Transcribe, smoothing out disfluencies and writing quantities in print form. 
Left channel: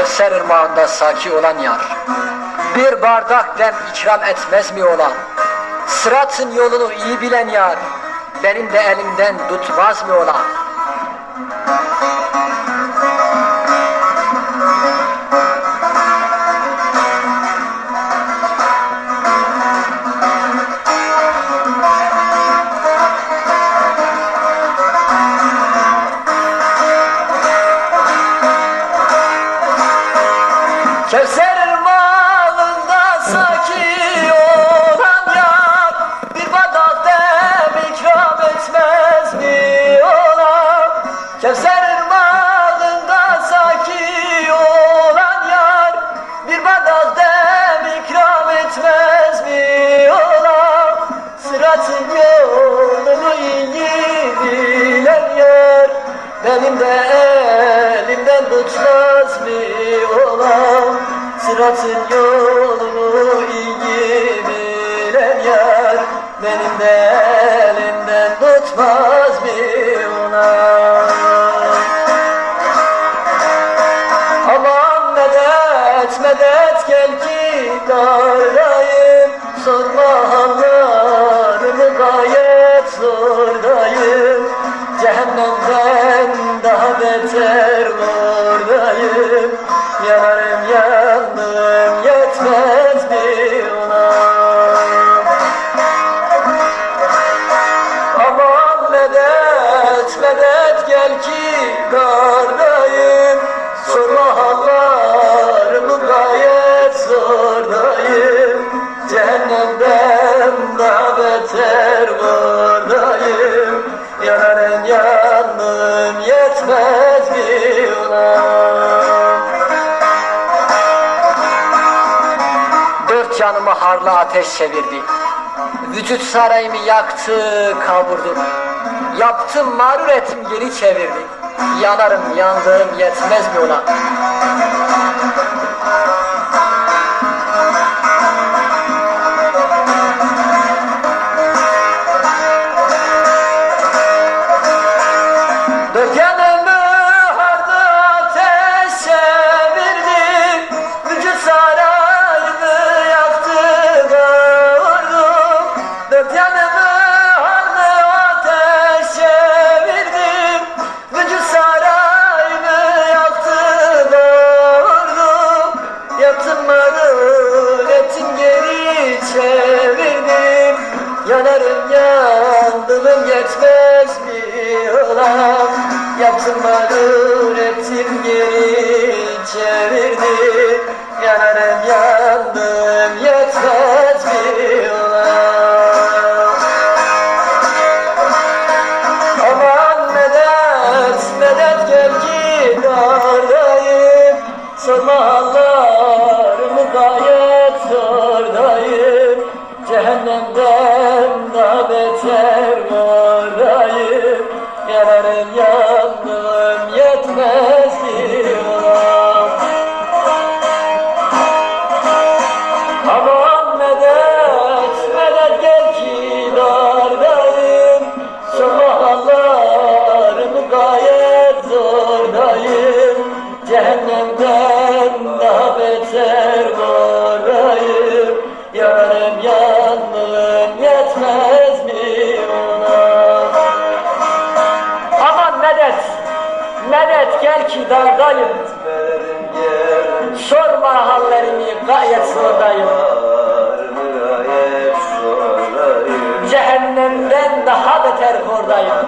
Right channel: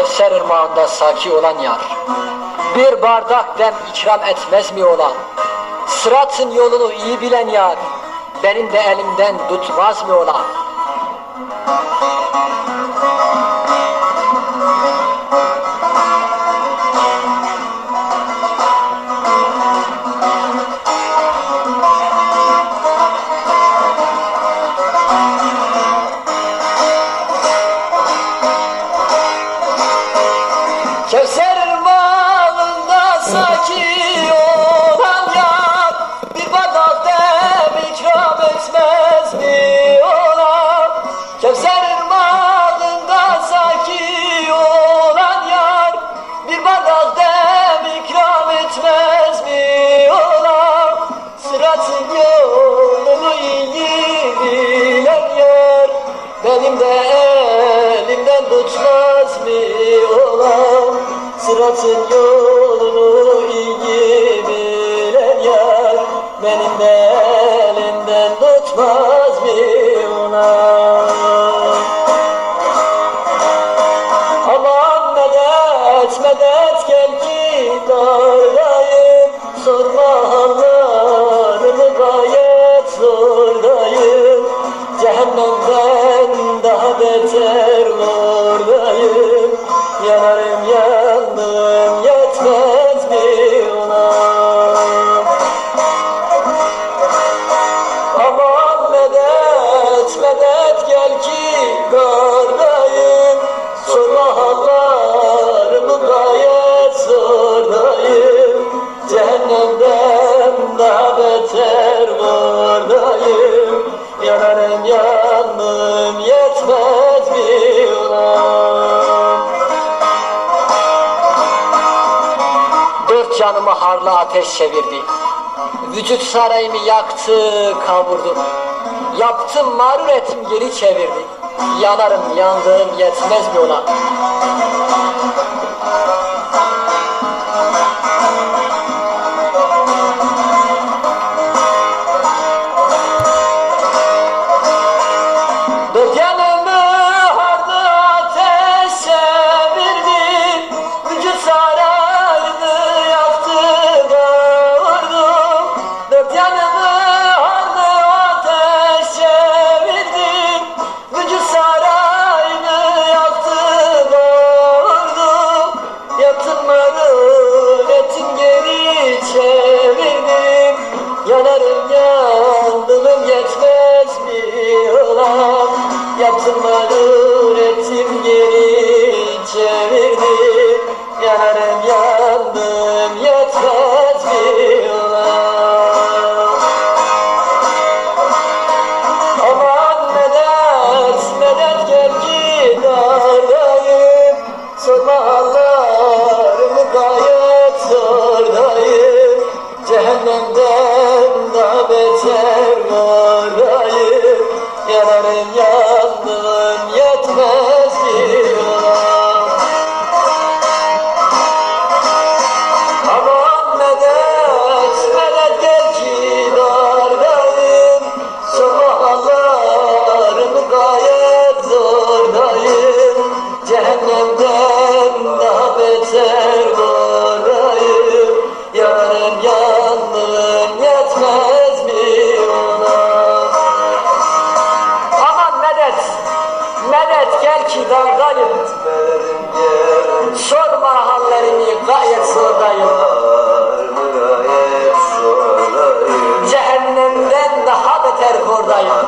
Kevser ırmağında saki olan yar, bir bardak dem ikram etmez mi ola? Sıratın yolunu iyi bilen yar, benim de elimden tutmaz mı ola? Kevser ırmağında saki olan yar, bir bardak dem ikram etmez mi ola? Kevser ırmağında saki olan yar, bir bardak dem ikram etmez mi ola? Sıratın yolunu iyi bilen yar, benim de elimden tutmaz mı ola? Sıratın yolunu iyi bilen yar, benim de elimden tutmaz mı ona? Aman medet medet gel ki dardayım, sorma hallarımı gayet zordayım. Cehennemden daha beter oradayım, yanarım yandım yetmez mi ona? Aman medet medet gel ki dardayım, sorma hallarımı gayet zordayım. Cehennemden daha beter oradayım, yanarım yandım yetmez mi ona? Dört canımı harlı ateş çevirdi, vücut sarayımı yaktı kavurdu. Yaptım mağrur ettim geri çevirdi, yanarım yandım yetmez mi ona? Dört yanımı harlı ateş çevirdi, vücut sarayımı yaktı kavurdu. Dört yanımı harlı ateş çevirdi, vücut sarayımı yaktı kavurdu. Yaptım mağrur ettim geri çevirdim, yanarım yandım yetmez mi ola? Yaptım mağrur ettim geri çevirdim, yanarım yandım yetmez mi ola? Aman medet medet gel ki dardayım, sorma hallarımı gayet zordayım. Cehennemden daha beter oradayım, yanarım yandım yetmez mi ona? Aman medet medet gel ki dardayım, sorma hallarımı gayet zordayım. Cehennemden daha beter oradayım, yanarım yandım yetmez mi ona? Aman medet medet gel ki dardayım, sorma hallerimi gayet zordayım. Cehennemden daha beter kordayım.